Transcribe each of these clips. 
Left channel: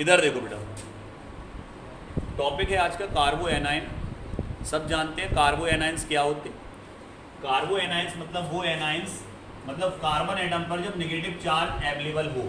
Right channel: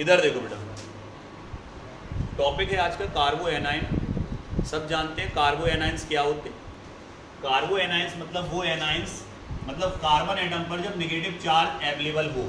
इधर देखो बेटा, टॉपिक है आज का कार्बो एनाइन। सब जानते हैं कार्बो एनाइंस क्या होते हैं। कार्बो एनाइंस मतलब वो एनाइंस, मतलब कार्बन एटम पर जब नेगेटिव चार्ज अवेलेबल हो।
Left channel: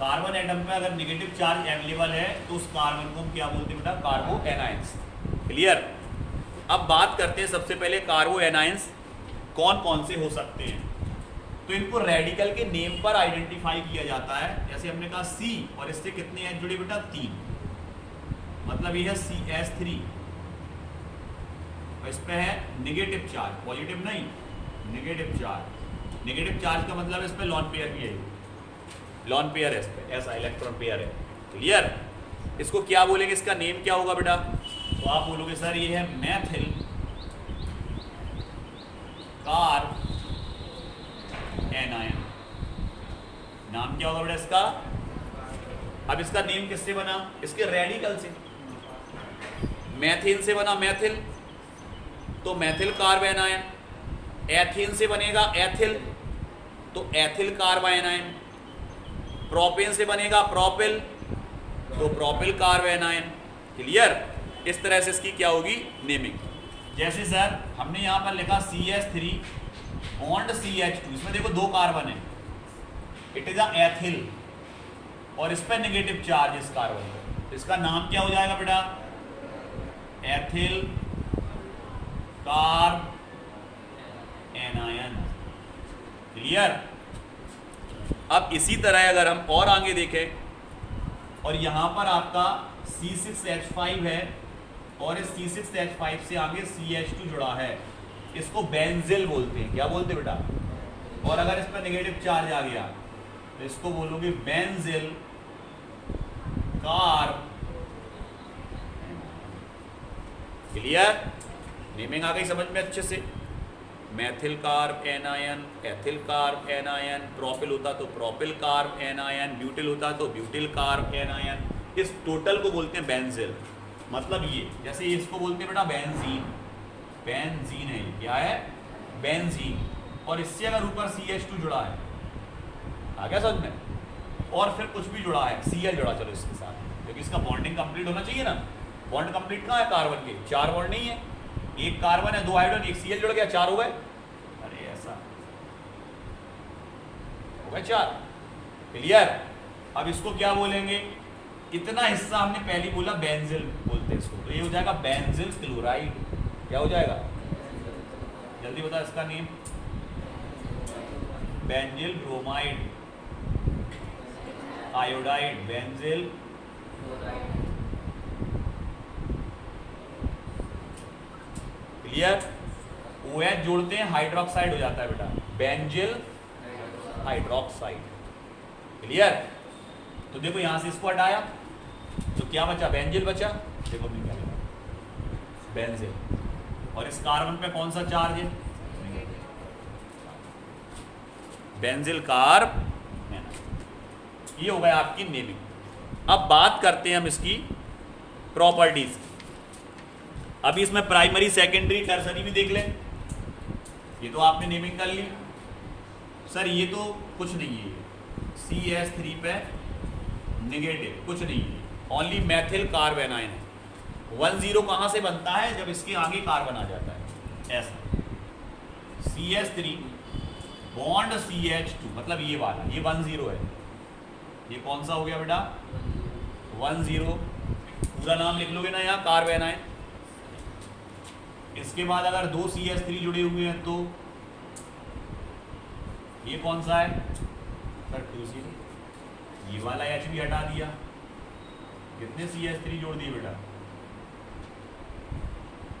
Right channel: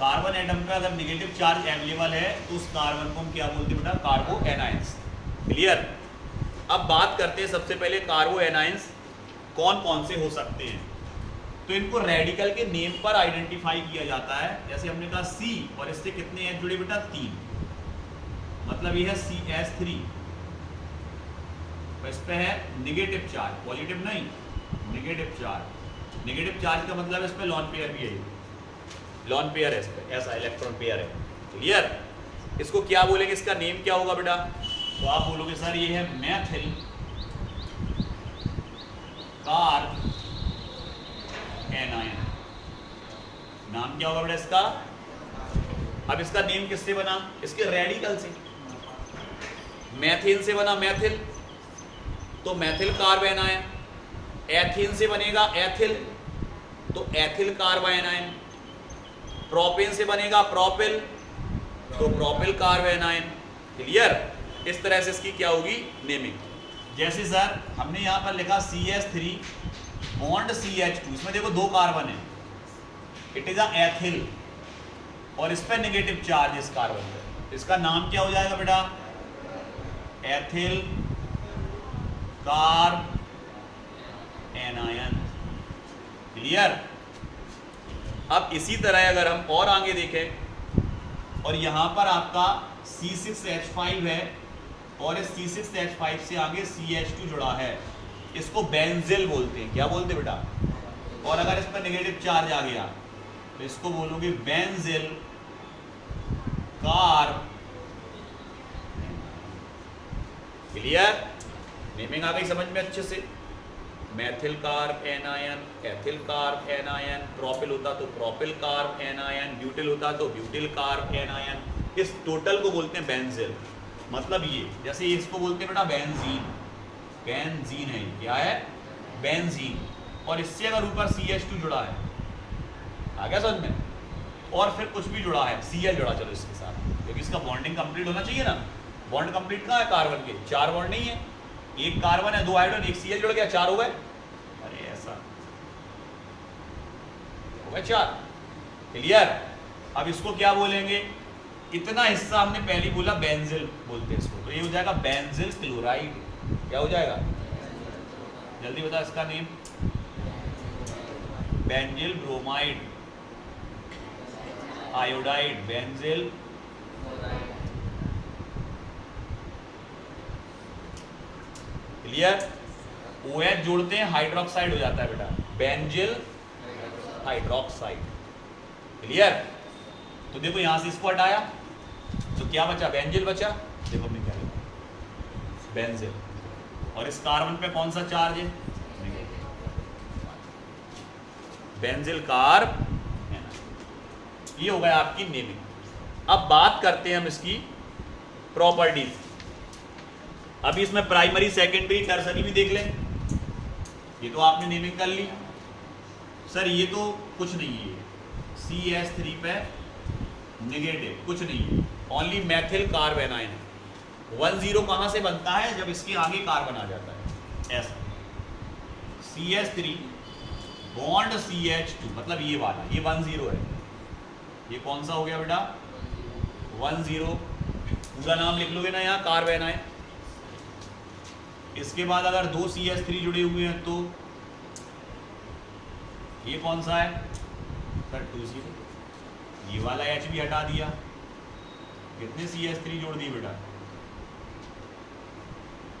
कार्बन एटम पे अगर नेगेटिव चार्ज अवेलेबल है तो उस कार्बन को हम क्या बोलते हैं बेटा, कार्बो एनाइंस। क्लियर। अब बात करते हैं सबसे पहले कार्बो एनाइंस कौन कौन से हो सकते हैं। तो इनको रेडिकल के नेम पर आइडेंटिफाई किया जाता है। जैसे हमने कहा C, और इससे कितने एच जुड़े बेटा, 3, मतलब ये है CH3, इस पे है नेगेटिव चार्ज, पॉजिटिव नहीं, नेगेटिव चार्ज। नेगेटिव चार्ज का मतलब इस पे लॉन पेयर भी है, लॉन पेयर है इस पे, ऐसा इलेक्ट्रॉन पेयर है। क्लियर। इसको क्या बोलेंगे, इसका नेम क्या होगा बेटा, तो आप बोलोगे सर ये है मेथिल कार्ब एनायन। नाम क्या होगा बेटा इसका। अब इसका नेम किससे बना, इसके रेडिकल से। मैथिन से बना मैथिल, तो मैथिल कार्ब एनायन। एथीन से बनेगा एथिल, तो एथिल कार्ब एनायन। प्रोपेन से बनेगा प्रोपिल, तो प्रोपिल कार्ब एनायन। क्लियर। इस तरह से इसकी क्या होगी नेमिंग। जैसे सर हमने यहाँ पर लिखा CH3 बॉन्ड CH2, इसमें देखो 2 कार्बन है, इट इज अ एथिल, और इस पर नेगेटिव चार्ज इस कार्बन पे, इसका नाम क्या हो जाएगा बेटा, एथिल कार्ब एनायन। क्लियर। अब इसी तरह अगर हम और आगे देखें, और यहां पर आपका C6H5 है, और इस C6H5 से आगे CH2 जुड़ा है, इसको बेंजिल बोलते हैं। क्या बोलते हैं बेटा। और अगर इस पर नेगेटिव चार्ज आ गया तो इसको बोलोगे बेंजिल कार्ब। क्लियर। नेमिंग आ गई समझ में अच्छे से। Maithil carb anion, ethyl carb anion, propyl होता तो प्रोपिल कार्ब एनायन, ब्यूटिल होता तो ब्यूटिल कार्ब एनायन। इस टोटल को बोलते हैं बेंजिल। मतलब ये, जैसे इसको बोलते हैं बेटा बेंजीन, बेंजीन है, क्या है बेंजीन, और इससे अगर ऊपर CH2 जुड़ा है, आ गया समझ में, और फिर कुछ भी जुड़ा है, Cl जुड़ा, चलो इसके साथ, क्योंकि इसका बॉन्डिंग कंप्लीट होना चाहिए ना। बॉन्ड कंप्लीट कहाँ है कार्बन के, 4 बॉन्ड नहीं है, एक कार्बन है, 2 हाइड्रोजन, एक Cl जुड़ गया, 4 हो गए। अरे ऐसा हो गए 4। क्लियर। अब इसको क्या बोलेंगे, इतना हिस्सा हमने पहले बोला बेंजिल बोलते हैं इसको, तो ये हो जाएगा बेंजिल क्लोराइड। क्या हो जाएगा, जल्दी बता इसका name, benzyl bromide, iodide, benzyl clear. OH जोड़ते हैं हाइड्रोक्साइड हो जाता है बेटा, बेंजिल हाइड्रोक्साइड। क्लियर। तो देखो यहां से इसको हटाया तो क्या बचा, बेंजिल बचा। देखो हमने क्या लिखा, बेंजिल, और इस कार्बन पे कौन सा चार्ज है, बेंजिल कार्ब। ये हो गया आपकी नेमिंग। अब बात करते हैं हम इसकी प्रॉपर्टीज। अभी इसमें प्राइमरी सेकेंडरी टर्सरी भी देख लें। ये तो आपने नेमिंग कर ली सर, ये तो कुछ नहीं है, CH3 पे नेगेटिव, कुछ नहीं है, ओनली मैथिल कार्ब एनायन है। 10 कहाँ से बनता है, जब इसके आगे कार्बन आ जाता है, ऐसा CH3 बॉन्ड CH2, मतलब ये वाला, ये 10 है। ये कौन सा हो गया बेटा, 10। पूरा नाम लिख लोगे ना यहाँ, कार्ब एनायन। इसके बाद अगर 2 CH3 जुड़े हुए हैं तो ये कौन सा है सर, 2 ये वाला H भी हटा दिया, कितने CH3 जोड़ दिए बेटा,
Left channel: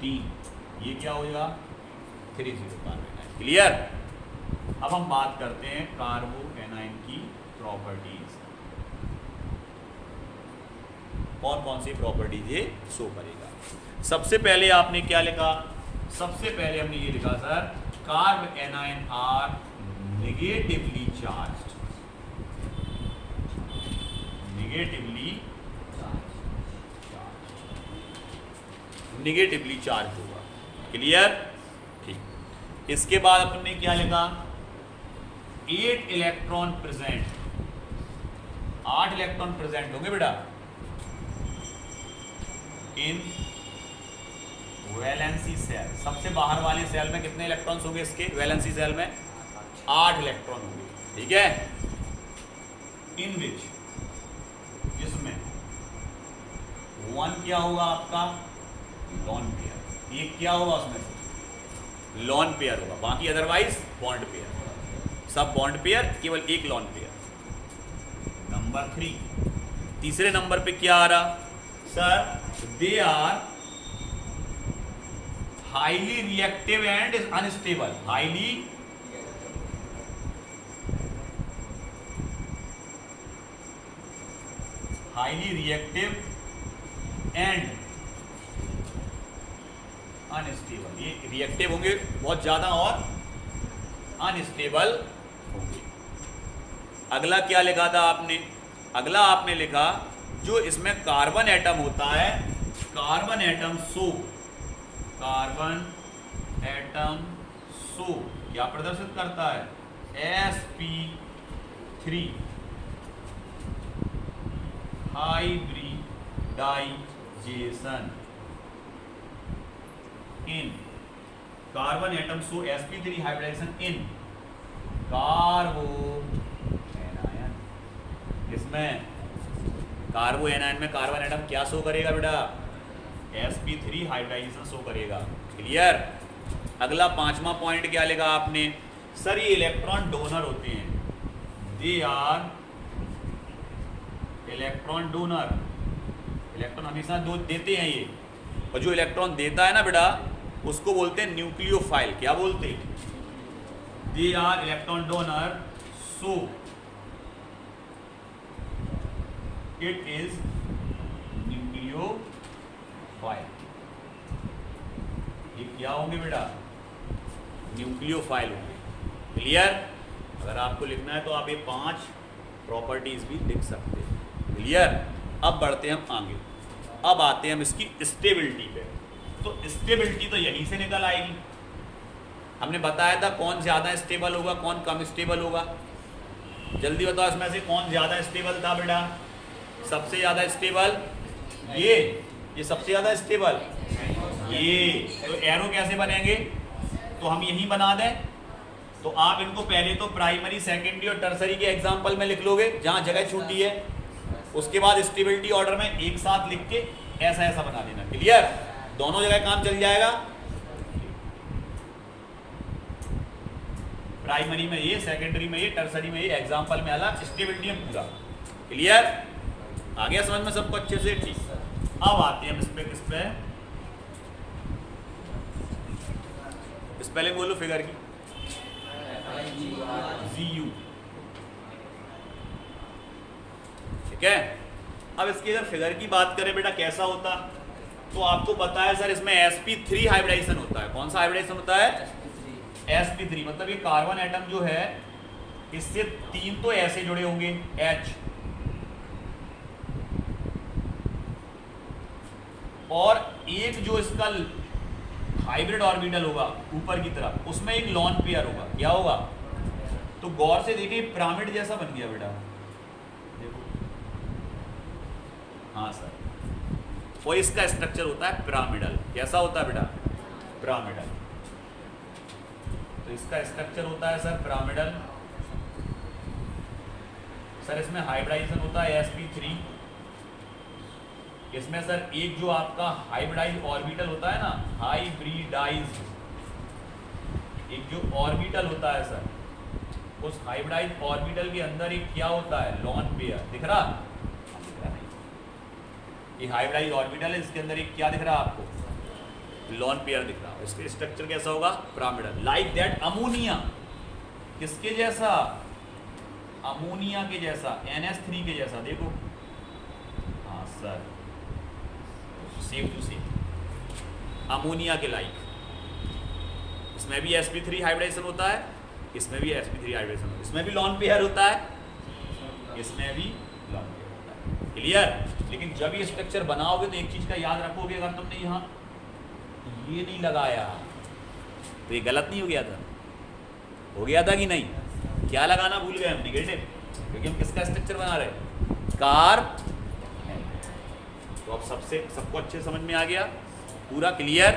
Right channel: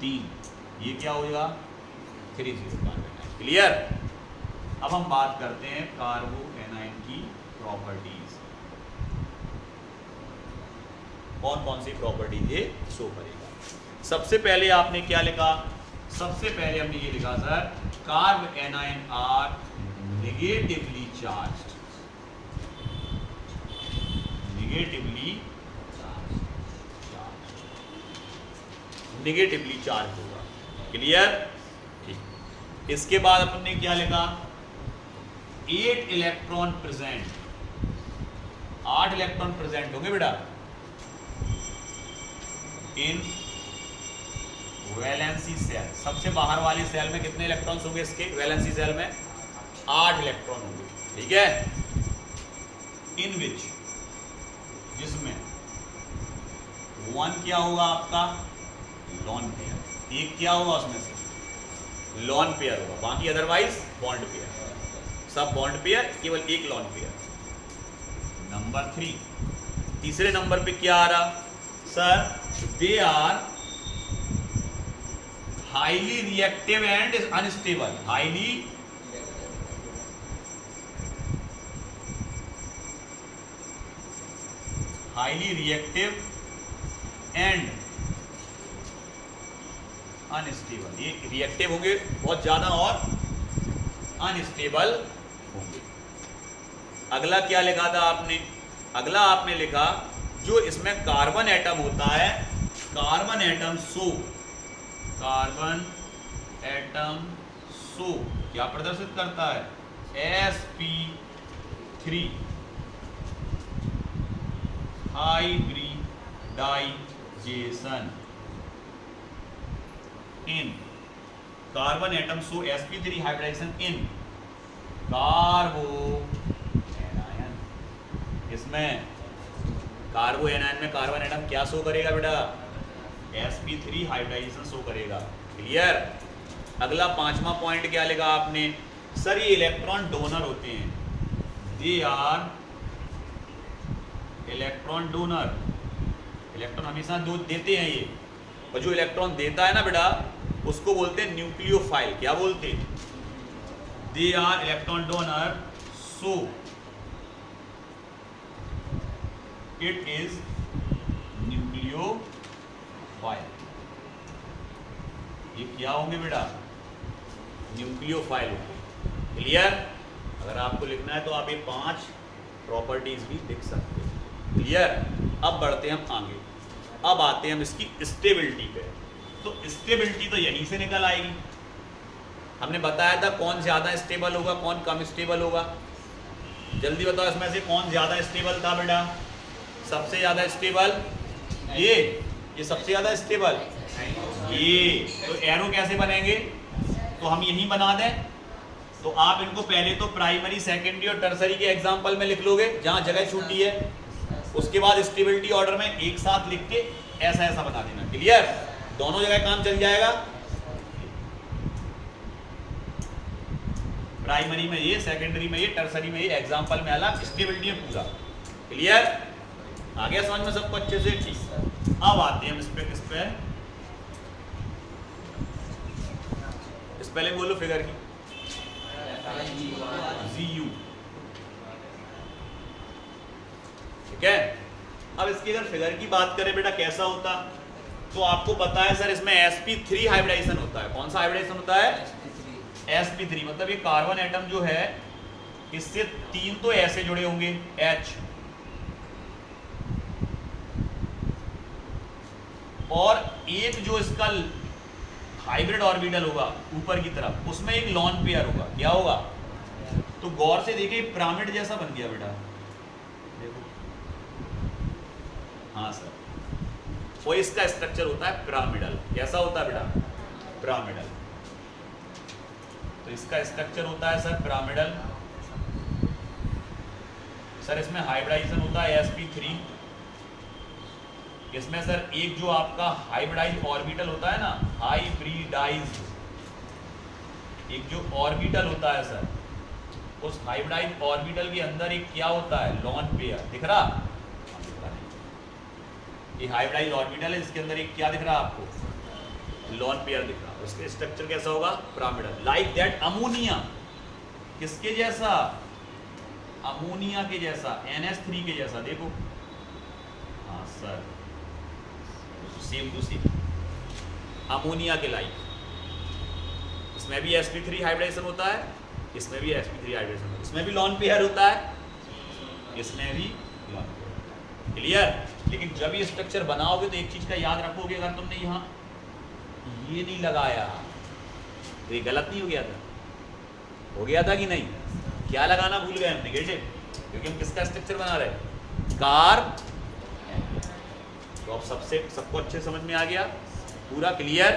3। ये क्या होगा, 3 क्लियर। अब हम बात करते हैं कार्बो एनायन की प्रॉपर्टीज। कौन कौन सी प्रॉपर्टीज ये शो करेगा। सबसे पहले आपने क्या लिखा, सबसे पहले हमने ये लिखा sir, carb anion are negatively charged, negatively charge होगा। क्लियर। ठीक। इसके बाद अपन ने क्या लिखा, 8 इलेक्ट्रॉन प्रेजेंट 8 इलेक्ट्रॉन प्रेजेंट होंगे बेटा इन वैलेंसी सेल। सबसे बाहर वाली सेल में कितने इलेक्ट्रॉन्स होंगे इसके? वैलेंसी सेल में 8 इलेक्ट्रॉन होंगे, ठीक है। इन विच, जिसमें 1 क्या होगा आपका? Lone pair. एक क्या होगा उसमें से? लॉन पेयर होगा, बाकी अदरवाइज बॉन्ड पेयर। सब बॉन्ड पेयर, केवल एक लॉन पेयर। नंबर 3, तीसरे नंबर पे क्या आ रहा? Sir they are highly reactive and unstable. Highly reactive and unstable. ये रिएक्टिव होंगे बहुत ज्यादा और अनस्टेबल होंगे। अगला क्या लिखा था आपने? अगला आपने लिखा जो इसमें कार्बन एटम होता है, कार्बन एटम सो क्या प्रदर्शित करता है? sp3 hybridization in carbon atom so sp3 hybridization in carbo anion. इसमें कार्बो एनायन में कार्बन एटम क्या शो करेगा बेटा? sp3 हाइब्रिडाइजेशन शो करेगा। क्लियर? अगला 5वां पॉइंट क्या लिखा आपने? सर ये इलेक्ट्रॉन डोनर होते हैं, दे आर इलेक्ट्रॉन डोनर। इलेक्ट्रॉन हमेशा दो देते हैं ये, और जो इलेक्ट्रॉन देता है ना बेटा उसको बोलते हैं न्यूक्लियोफाइल। क्या बोलते हैं? They are electron donor so it is nucleophile. ये क्या होंगे बेटा? न्यूक्लियोफाइल होंगे। क्लियर? अगर आपको लिखना है तो आप ये 5 प्रॉपर्टीज भी लिख सकते हैं। क्लियर? अब बढ़ते हैं हम आगे। अब आते हैं हम इसकी स्टेबिलिटी पे। तो स्टेबिलिटी तो यहीं से निकल आएगी। हमने बताया था कौन ज़्यादा स्टेबल होगा, कौन कम स्टेबल होगा। जल्दी बताओ इसमें से कौन ज़्यादा स्टेबल था बेटा? सबसे ज़्यादा स्टेबल ये सबसे ज़्यादा स्टेबल ये। तो एरो कैसे बनेंगे? तो हम यही बना दें। तो आप इनको पहले तो प्राइमरी, सेकेंडरी और टर्सरी के एग्जाम्पल में लिख लोगे जहाँ जगह छूटी है। उसके बाद स्टेबिलिटी ऑर्डर में एक साथ लिख के ऐसा ऐसा बना देना। क्लियर? दोनों जगह काम चल जाएगा। प्राइमरी में ये, सेकेंडरी में ये, टर्सरी में ये, एग्जाम्पल में अलग, स्टेबिलिटी में पूरा। क्लियर? आ गया समझ में सबको अच्छे से? ठीक। अब आते हैं हम इस पहले बोलो फिगर की ZU। ठीक है? अब इसकी अगर फिगर की बात करें बेटा कैसा होता, तो आपको पता है सर इसमें sp3 हाइब्रिडाइजेशन होता है। कौन सा हाइब्रिडाइजेशन होता है? sp3। मतलब ये कार्बन एटम जो है इससे 3 तो ऐसे जुड़े होंगे H, और एक जो इसका हाइब्रिड ऑर्बिटल होगा ऊपर की तरफ उसमें एक लॉन पेयर होगा। क्या होगा? तो गौर से देखिए पिरामिड जैसा बन गया बेटा। देखो, हाँ सर, और इसका स्ट्रक्चर होता है पिरामिडल। कैसा होता है बेटा? पिरामिडल। तो इसका स्ट्रक्चर होता है सर पिरामिडल। सर इसमें हाइब्रिडाइजेशन होता है sp3। इसमें सर एक जो आपका हाइब्रिडाइज ऑर्बिटल होता है ना, हाइब्रिडाइज एक जो ऑर्बिटल होता है सर, उस हाइब्रिडाइज ऑर्बिटल के अंदर एक क्या होता है? Lone pair. दिख रहा? ये हाइब्रिडाइज ऑर्बिटल है, इसके अंदर एक क्या दिख रहा है आपको? लॉन पेयर दिख रहा है। इसका स्ट्रक्चर कैसा होगा? पिरामिडल। Like that ammonia. किसके जैसा? अमोनिया के जैसा, NH3 के जैसा। देखो, हाँ sir, same to same ammonia के लाइक। इसमें भी sp3 हाइब्रिडाइजेशन होता है, इसमें भी sp3 हाइब्रिडेशन होता है। इसमें भी लॉन पेयर होता है, इसमें भी लॉन पेयर होता है। क्लियर? लेकिन जब ये स्ट्रक्चर बनाओगे तो एक चीज का याद रखोगे, अगर तुमने यहाँ ये नहीं लगाया तो ये गलत नहीं हो गया था? हो गया था कि नहीं? क्या लगाना भूल गए हमने? गेटे क्योंकि हम किसका स्ट्रक्चर बना रहे हैं, कार। तो अब सबको अच्छे समझ में आ गया, पूरा क्लियर।